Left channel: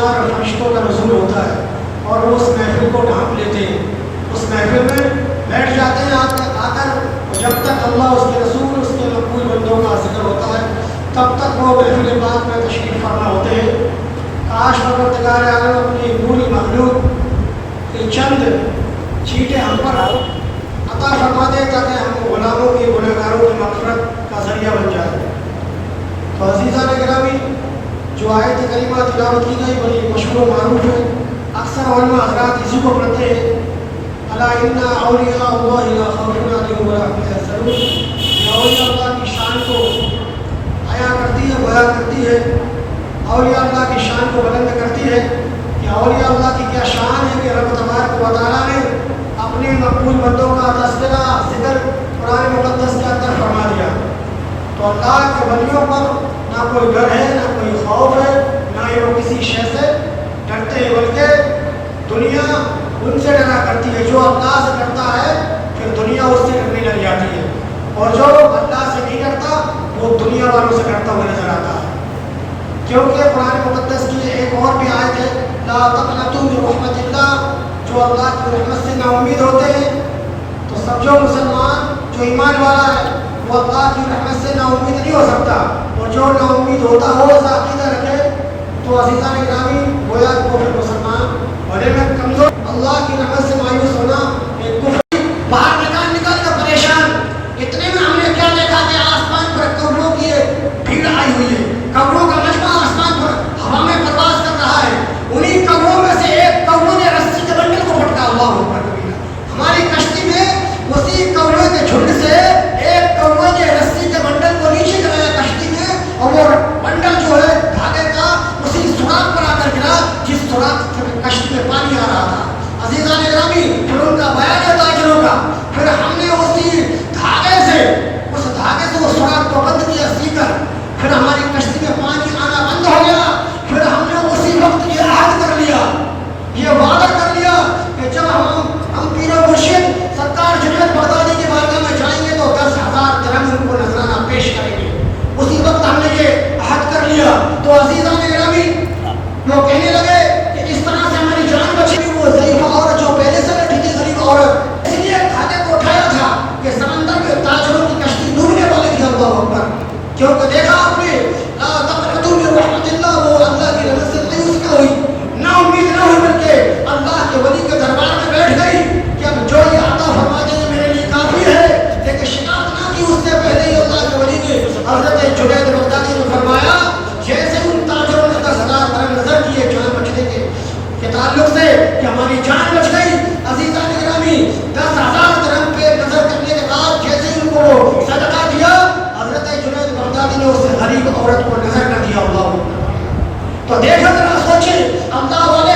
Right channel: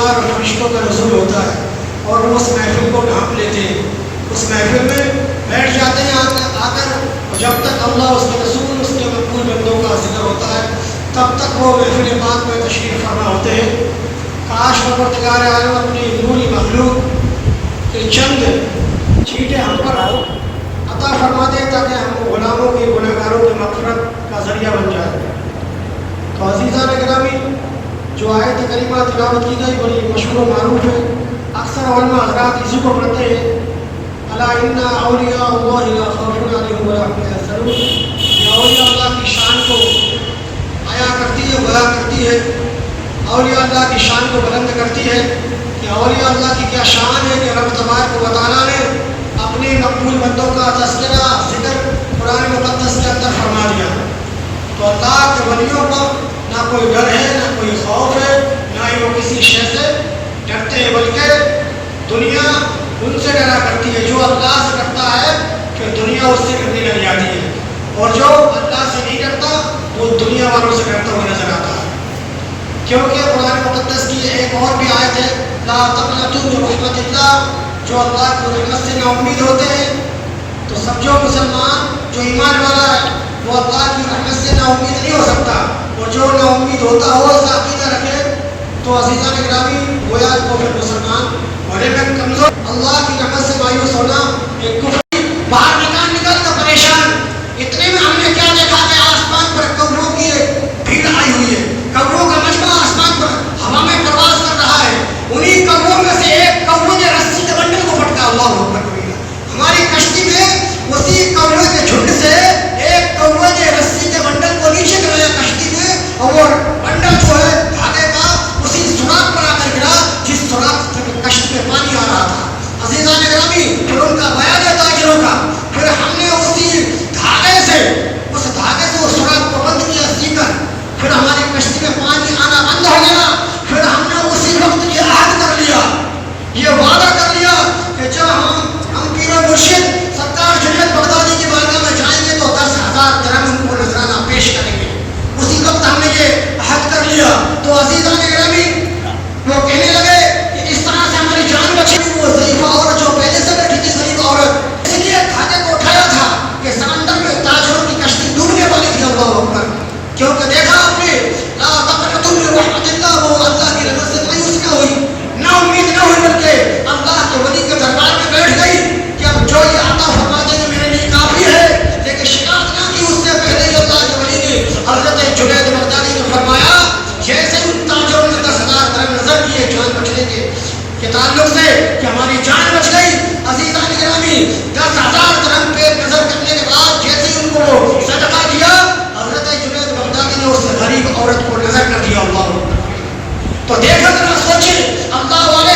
شمار فرشتوں کا نزول ہوتا ہے اور وہ اس محفل کو ڈھانپ لیتے ہیں، اس محفل میں بیٹھ جاتے ہیں آ کر، اور جب تک اللہ، اس کے رسول، اس کے مقبول بندوں کا ذکر ہوتا ہے تب تک وہ محفل پاک میں تشریف فرما ہوتے ہیں۔ کاش پروردگار عالم اپنی نوری مخلوق کے چند چھینٹے ہم پر عطا فرما دے تاکہ ہم غلاموں کی، گنہگاروں کی مغفرت کا ذریعہ بن جائے۔ تو عزیزان گرامی، جو آیت کریمہ تلاوت کی گئی بڑی مشہور و معروف ہے، اکثر علماء حضرات اسی کو پڑھتے ہیں، الا ان اولیاء اللہ لا خوف علیہم ولا هم يحزنون۔ یہ اولیاء اللہ کی شان کو بیان کرتی ہے، بیان کرتی ہے، اولیاء اللہ کی شان کو بلند کرتی ہے کہ اولیاء اللہ کی کیا شان ہے کہ رب تبارک و تعالیٰ نے اپنے مقبول بندوں کا تذکرہ، ذکر قرآن مقدس کے اندر فرما دیا۔ تو اللہ کے ولیوں پر نہ کوئی ڈر ہے، نہ کوئی خوف ہے، نہ ہی وہ کسی شے سے ڈرتے ہیں، بلکہ دنیا ان سے ڈرا کرتی ہے۔ جو اللہ سے ڈرتا ہے کہ دنیا اس سے ڈرنے لگ جاتی ہے، اور جو اللہ سے نہیں ڈرتا وہ دنیا والوں سے ڈرتا ہوا نظر آتا ہے۔ کیونکہ قرآن مقدس کی ایک اور بھی آیت ہے، لا تقنطوا من رحمت اللہ، جو اللہ کی رحمت سے نا امید ہوتے ہیں۔ تو سمجھو مسلمان جو ایمان والا ہے وہ اللہ کی رحمت سے نا امید نہیں ہو سکتا، اور جو نا امید ہوتا ہو اس عقیدہ رکھے تو عزیزان گرامی گویا کو پھر مسلمان بڑے میں کمزور، اللہ کی رحمت سے مایوس ہونا ایک کفر۔ باہر نکل تو پریشان، اتنے میں ہم نے کیا دیکھا کہ آسمان پر کبروں کی ایک بھیڑ آئی ہوئی ہے، کبروں کا مجمع آسمان پر ہوا میں پرواز کر رہا ہے۔ انہی کبروں میں سے ایک کبروں نے رسی کے بنڈل کو پھٹکا، اللہ اکبر کبیرہ۔ ہماری کشتی میں اسی کبروں کے جھنڈ سے ایک کبروں نے رسی کے بنڈل کو نیچے گرایا کشتی میں، اور وہ بنڈل جو ہے دھاگے کا اسی سوراخ پر آ کر گرا جس سوراخ سے کشتی میں پانی آ رہا تھا۔ عزیزان گرامی، پھر ان کا بیان ہے تاجروں کا، پھر ہم نے اسی دھاگے سے وہ سوراخ کو بند کیا سی کر، پھر ہماری کشتی میں پانی آنا بند ہو گیا۔ پھر ہم نے اسی وقت یہ عہد کر لیا، یہ وعدہ کر لیا کہ جب ہم پیر و مرشد سرکار جنید بغدادی کی بارگاہ میں جائیں گے تو 10,000 درہم ان کو نذرانہ پیش کریں گے۔ اسی وقت ہم نے یہ عہد کر لیا۔ تو عزیزان گرامی، وہ کہنے لگے کہ اس طرح سے ہماری جان بچی۔ وہ ضعیفہ عورت جو پہلے سے بیٹھی تھی، ضعیفہ عورت، اس لیے دھاگے کو اٹھایا تھا کہ سمندر میں تاجروں کی کشتی ڈوبنے والی تھی، اللہ اکبر۔ کیونکہ دیکھا آپ نے، لا تقنطوا من رحمت اللہ، وہ اللہ کی رحمت سے مایوس نہ ہوئی، نا امید نہ ہوئی، بلکہ اللہ کے ولی کے دربار میں بیٹھ گئی کہ اب جو یہ عطا فرما دیں گے میرے لیے کافی ہے۔ لیکن شکایت نہ کی، اس سے پہلے ہی اللہ کے ولی نے حضرت جنید بغدادی نے فرمایا جیسے ان تاجروں نے 10,000 درہم نظر کیے جان بچنے کے تعلق سے کہ ہماری جان بچ گئی، عزیزان گرامی 10,000 درہم پہ نظر کرنے کے بعد جیسے ان کو صدقہ دیا، حضرت جنید بغدادی نے اس غریب عورت کو نظر کر دیا، اللہ۔ تو دیکھا ذرا سوچیں، اللہ والے